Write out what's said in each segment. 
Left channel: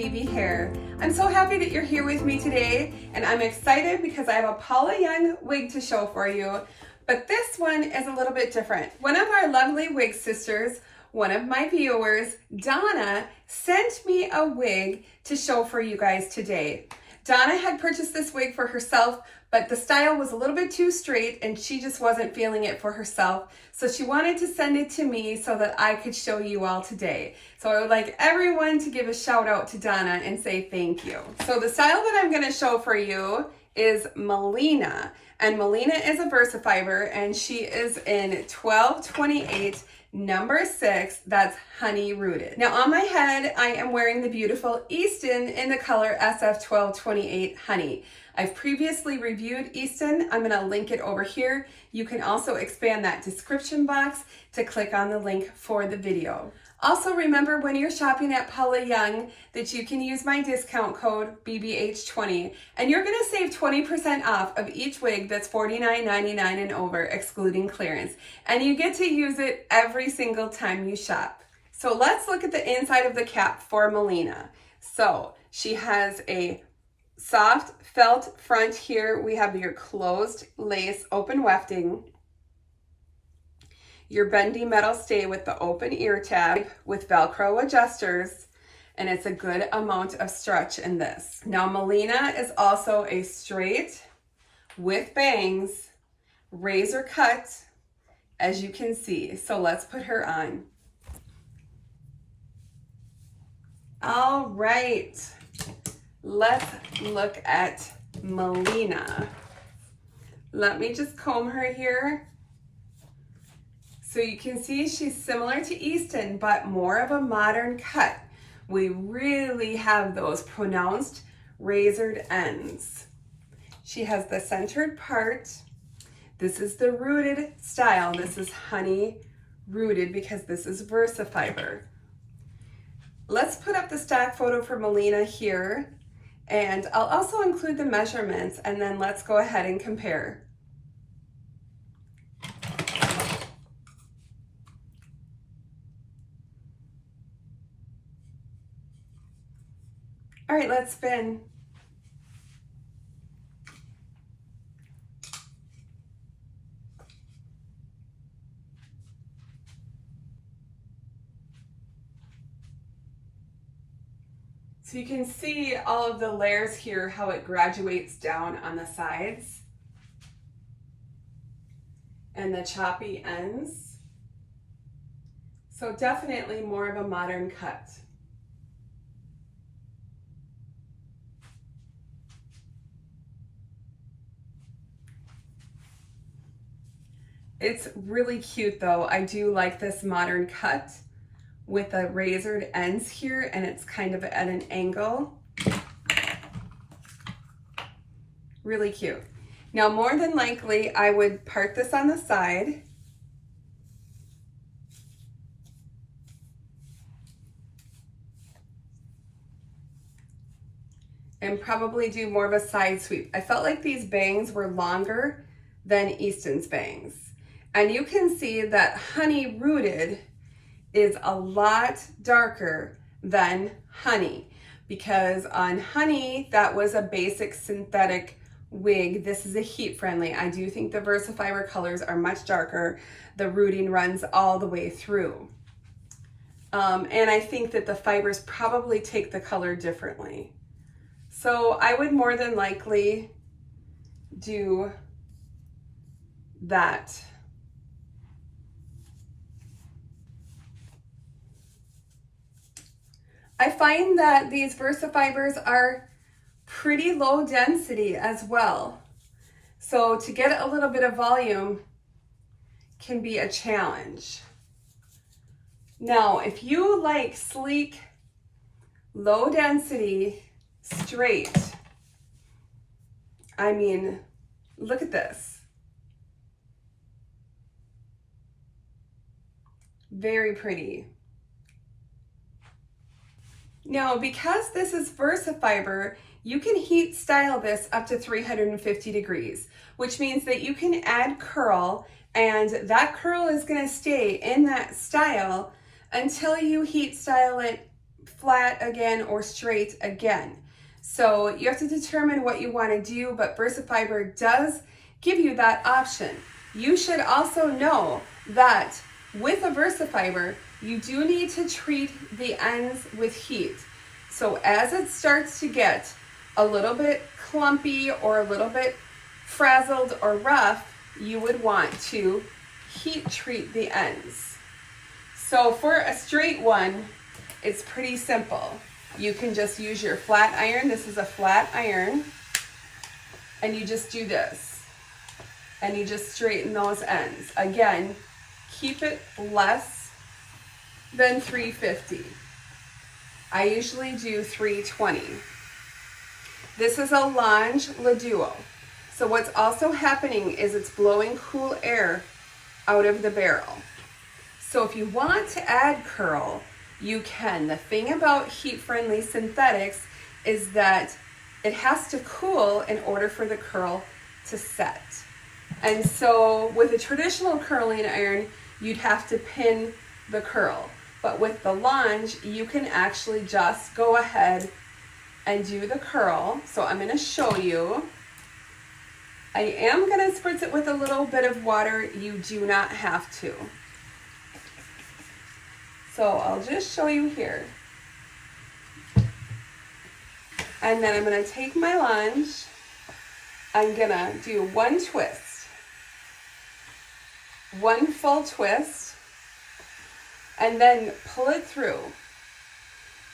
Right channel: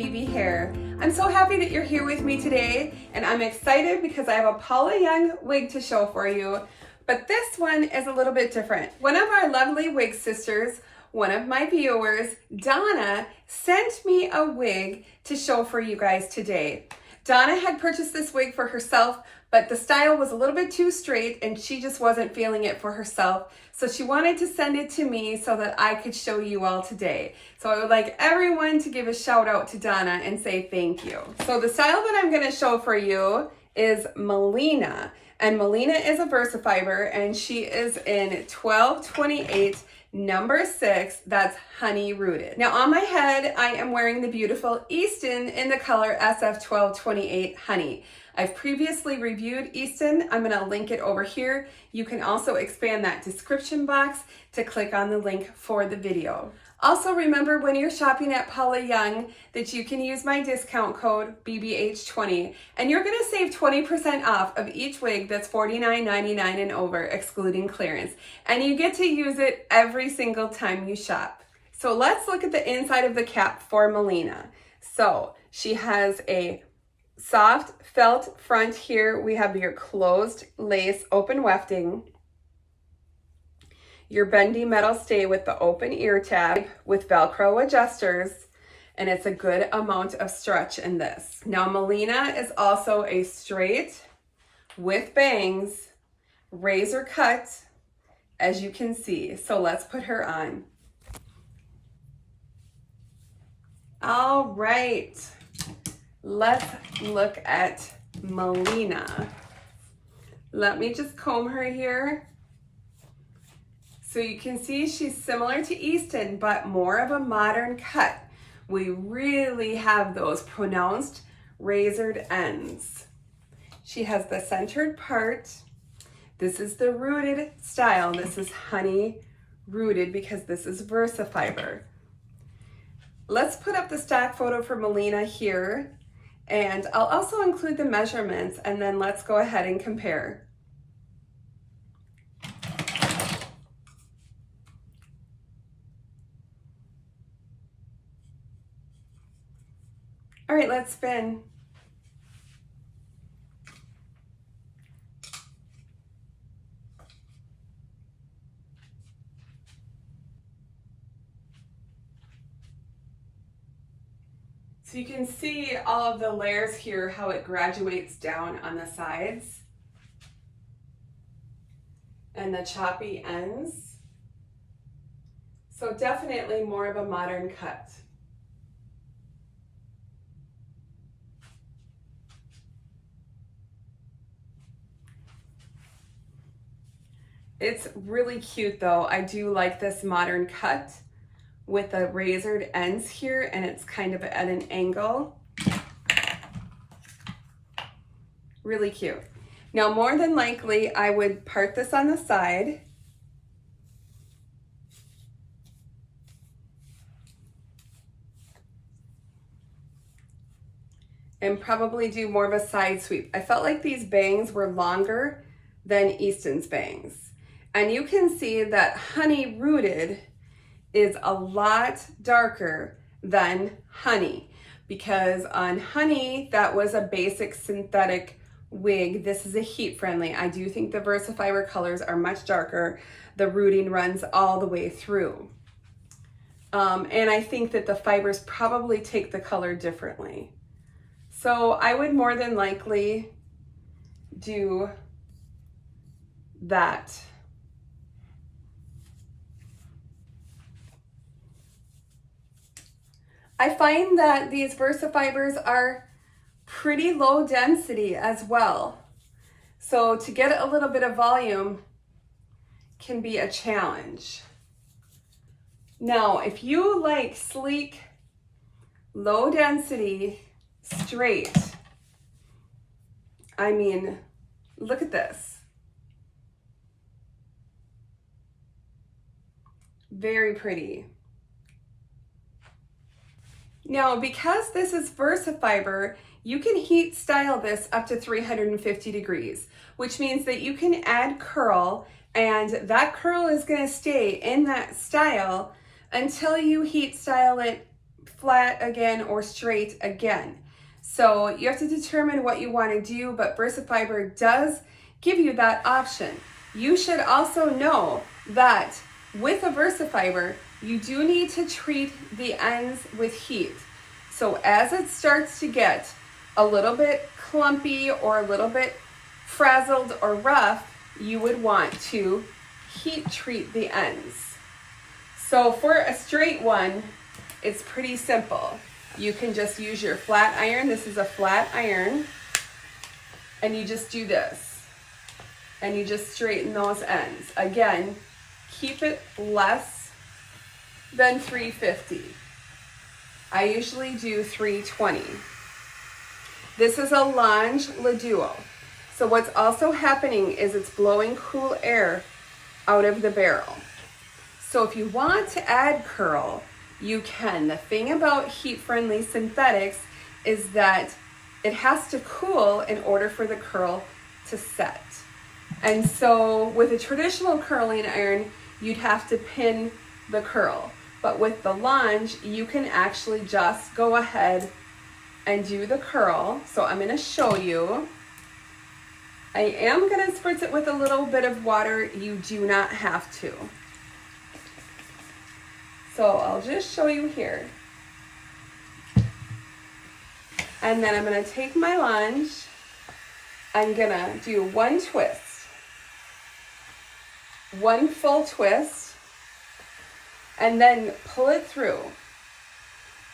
BB Hair. I'm so happy that you're here with me today, and I'm excited because I have a Paula Young wig to show for you, but this one is a little bit different. One of our lovely wig sisters, one of my viewers, Donna, sent me a wig to show for you guys today. Donna had purchased this wig for herself, but the style was a little bit too straight and she just wasn't feeling it for herself. So she wanted to send it to me so that I could show you all today. So I would like everyone to give a shout out to Donna and say thank you. So the style that I'm gonna show for you is Melina. And Melina is a VersaFiber and she is in 1228 number 6, that's honey rooted. Now on my head, I am wearing the beautiful Easton in the color SF1228 honey. I've previously reviewed Easton. I'm gonna link it over here. You can also expand that description box to click on the link for the video. Also remember when you're shopping at Paula Young that you can use my discount code BBH20 and you're gonna save 20% off of each wig that's $49.99 and over, excluding clearance. And you get to use it every single time you shop. So let's look at the inside of the cap for Molina. So she has a soft felt front here. We have your closed lace open wefting, your bendy metal stay with the open ear tab with Velcro adjusters, and it's a good amount of stretch in this. Now Molina is also a straight with bangs, razor cut, as you can see. So let's put her on. All right, let's look at Molina. Let me just comb her here. So you can see she's similar to Easton, but more of a modern cut. We really have those pronounced razored ends. She has the centered part. This is the rooted style. This is honey rooted because this is VersaFiber. Let's put up the stock photo for Molina here, and I'll also include the measurements, and then let's go ahead and compare. All right, let's spin. So you can see all of the layers here, how it graduates down on the sides and the choppy ends. So definitely more of a modern cut. It's really cute though. I do like this modern cut with the razored ends here, and it's kind of at an angle. Really cute. Now more than likely I would part this on the side. And probably do more of a side sweep. I felt like these bangs were longer than Easton's bangs. And you can see that honey rooted is a lot darker than honey, because on honey, that was a basic synthetic wig. This is a heat friendly. I do think the VersaFiber colors are much darker. The rooting runs all the way through. And I think that the fibers probably take the color differently. So I would more than likely do that. I find that these VersaFibers are pretty low density as well. So to get a little bit of volume can be a challenge. Now, if you like sleek, low density, straight, I mean, look at this. Very pretty. Now, because this is VersaFiber, you can heat style this up to 350 degrees, which means that you can add curl, and that curl is going to stay in that style until you heat style it flat again or straight again. So you have to determine what you want to do, but VersaFiber does give you that option. You should also know that with a VersaFiber, you do need to treat the ends with heat. So as it starts to get a little bit clumpy or a little bit frazzled or rough, you would want to heat treat the ends. So for a straight one, it's pretty simple. You can just use your flat iron. This is a flat iron. And you just do this. And you just straighten those ends. Again, keep it less than 350. I usually do 320. This is a Longe Le Duo. So what's also happening is it's blowing cool air out of the barrel. So if you want to add curl, you can. The thing about heat-friendly synthetics is that it has to cool in order for the curl to set. And so with a traditional curling iron, you'd have to pin the curl. But with the Longe, you can actually just go ahead and do the curl. So I'm gonna show you. I am gonna spritz it with a little bit of water. You do not have to. So I'll just show you here. And then I'm gonna take my Longe. I'm gonna do one twist, one full twist, and then pull it through.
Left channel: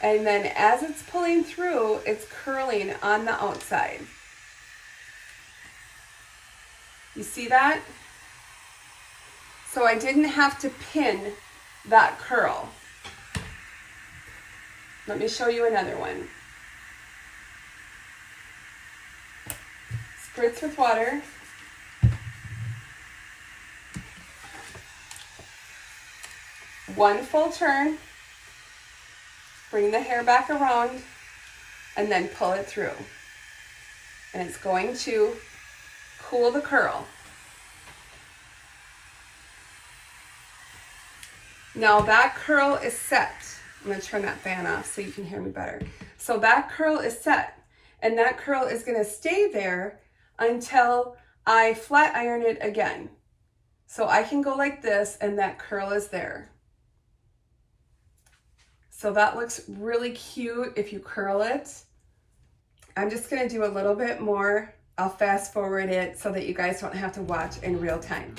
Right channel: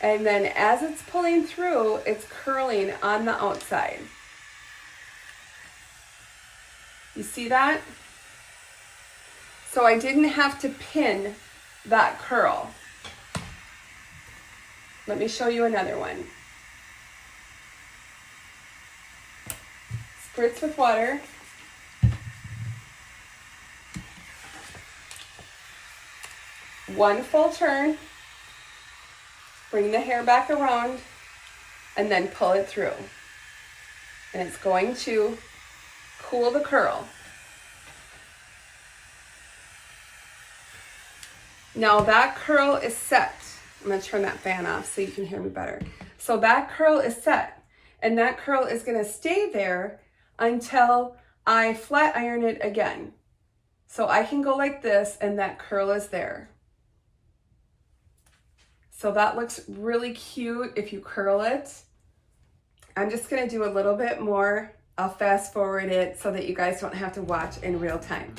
And then as it's pulling through, it's curling on the outside. You see that? So I didn't have to pin that curl. Let me show you another one. Spritz with water. One full turn. Bring the hair back around and then pull it through. And it's going to cool the curl. Now that curl is set. I'm going to turn that fan off so you can hear me better. So that curl is set, and that curl is going to stay there until I flat iron it again. So I can go like this and that curl is there. So that looks really cute if you curl it. I'm just going to do a little bit more. I'll fast forward it so that you guys don't have to watch in real time.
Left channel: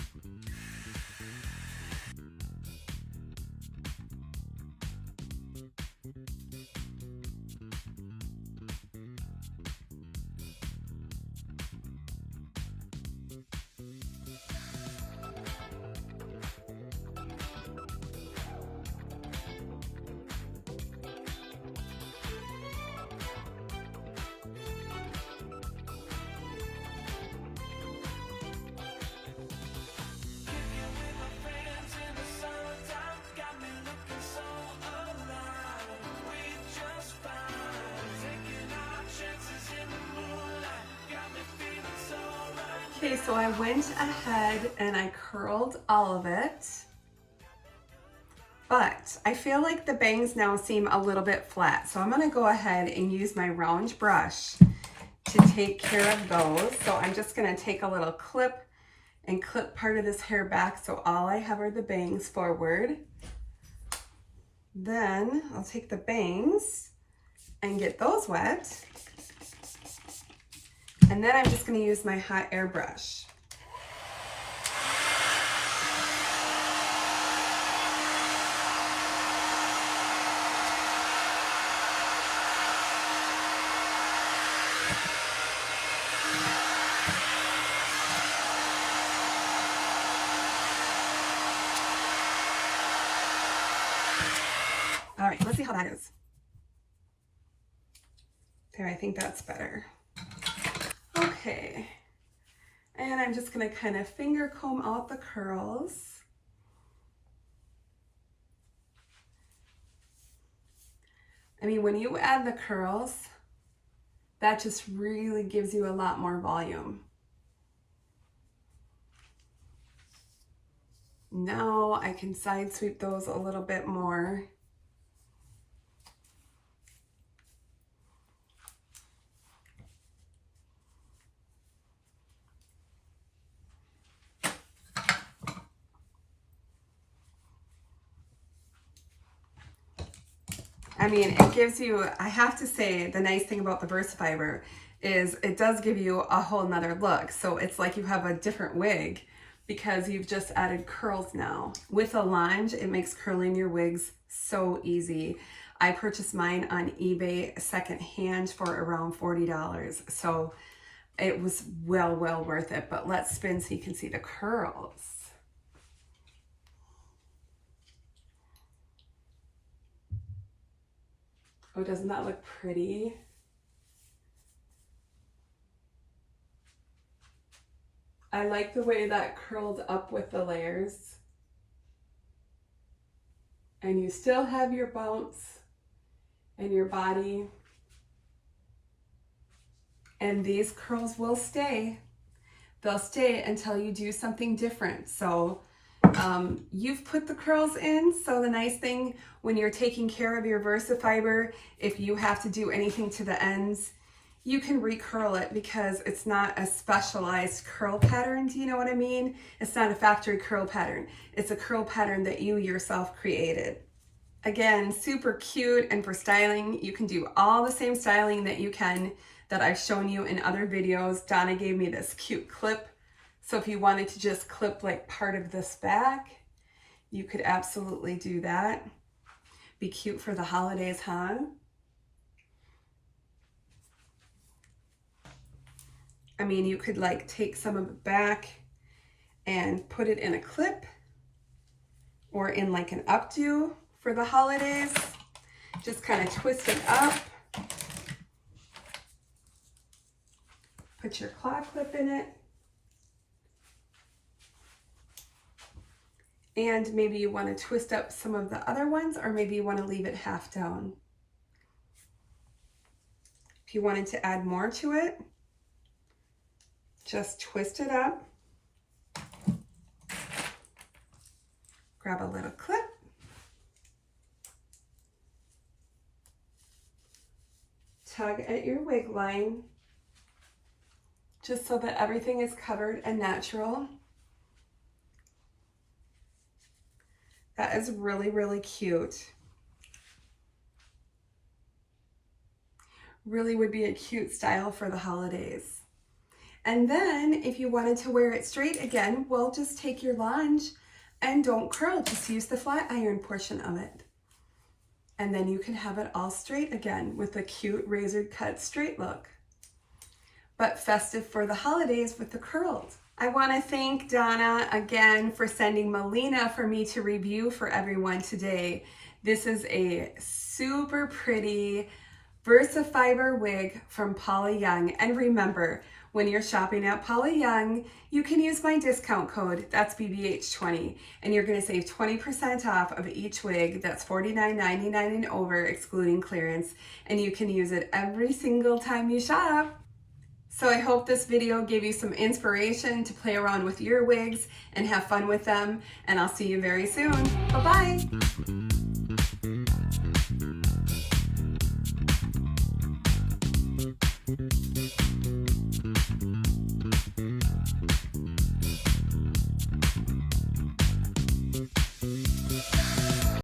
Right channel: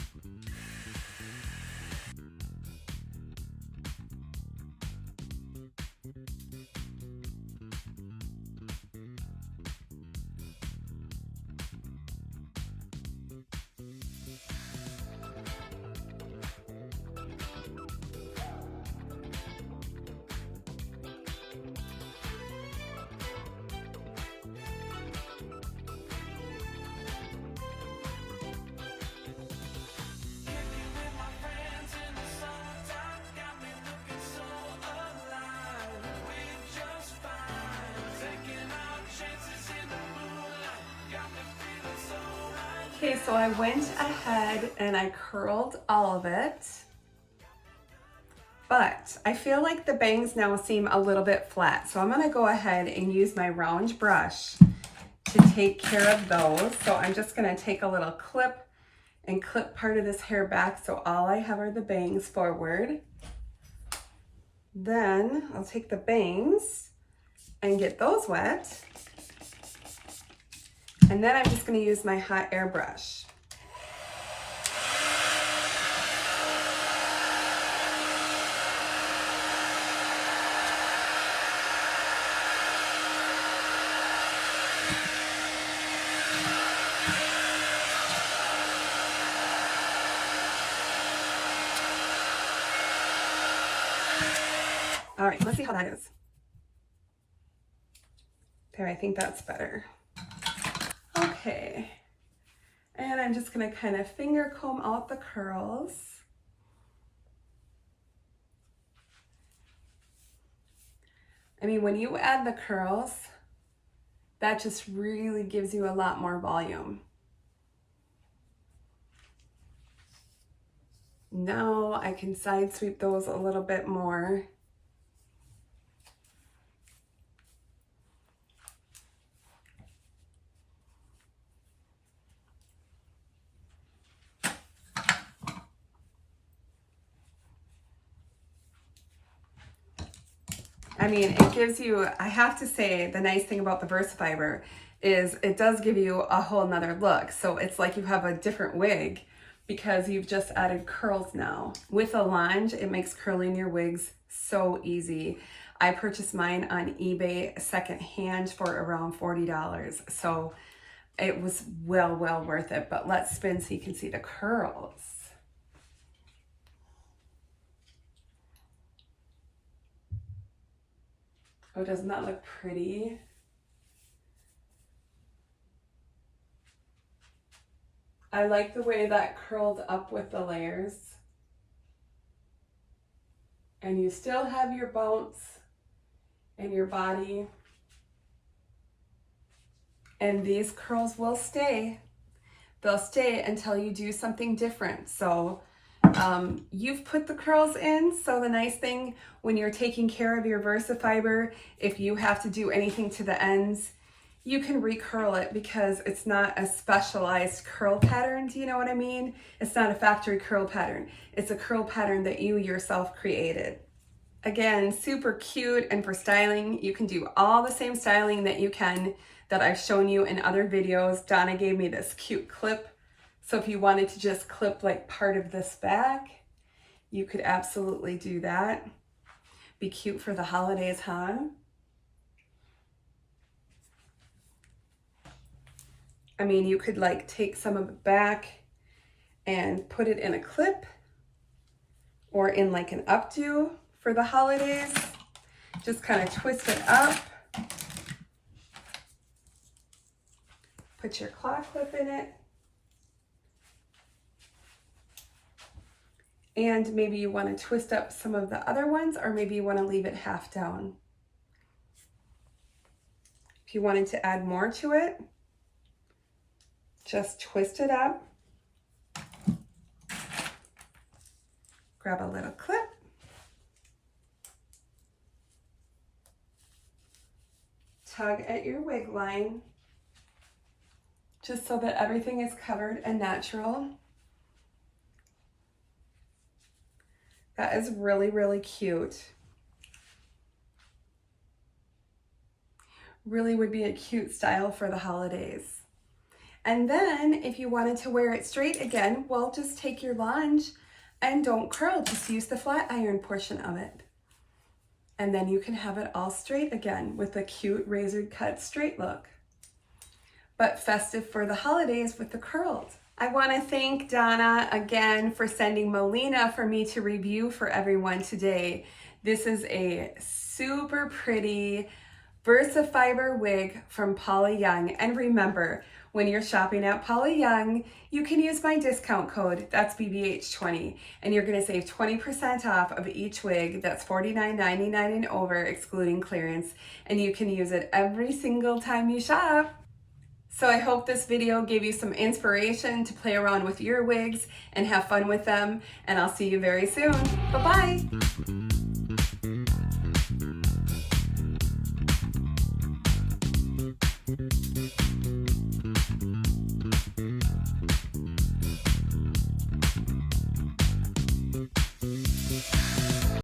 Okay, so I went ahead and I curled all of it, but I feel like the bangs now seem a little bit flat. So I'm gonna go ahead and use my round brush to take care of those. So I'm just gonna take a little clip and clip part of this hair back so all I have are the bangs forward. Then I'll take the bangs and get those wet. And then I'm just going to use my hot air brush. All right, let's see how that is. There, I think that's better. Okay, and I'm just gonna kind of finger comb out the curls. I mean, when you add the curls, that just really gives you a lot more volume. Now I can side sweep those a little bit more. I mean, it gives you, I have to say, the nice thing about the VersaFiber is it does give you a whole nother look. So it's like you have a different wig because you've just added curls now. With a longe, it makes curling your wigs so easy. I purchased mine on eBay secondhand for around $40. So it was well worth it. But let's spin so you can see the curls. Oh, doesn't that look pretty? I like the way that curled up with the layers. And you still have your bounce and your body. And these curls will stay. They'll stay until you do something different. So you've put the curls in. So the nice thing when you're taking care of your VersaFiber, if you have to do anything to the ends, you can recurl it because it's not a specialized curl pattern. Do you know what I mean? It's not a factory curl pattern. It's a curl pattern that you yourself created. Again, super cute, and for styling, you can do all the same styling that I've shown you in other videos. Donna gave me this cute clip. So if you wanted to just clip like part of this back, you could absolutely do that. Be cute for the holidays, huh? I mean, you could like take some of it back and put it in a clip or in like an updo for the holidays. Just kind of twist it up. Put your claw clip in it. And maybe you want to twist up some of the other ones, or maybe you want to leave it half down. If you wanted to add more to it, just twist it up. Grab a little clip. Tug at your wig line, just so that everything is covered and natural. That is really cute. Really would be a cute style for the holidays. And then if you wanted to wear it straight again, well, just take your longe and don't curl, just use the flat iron portion of it. And then you can have it all straight again with a cute razor cut straight look. But festive for the holidays with the curls. I want to thank Donna again for sending Molina for me to review for everyone today. This is a super pretty VersaFiber wig from Paula Young. And remember, when you're shopping at Paula Young, you can use my discount code, that's BBH20, and you're going to save 20% off of each wig. That's $49.99 and over, excluding clearance. And you can use it every single time you shop. So I hope this video gave you some inspiration to play around with your wigs and have fun with them. And I'll see you very soon. Bye-bye.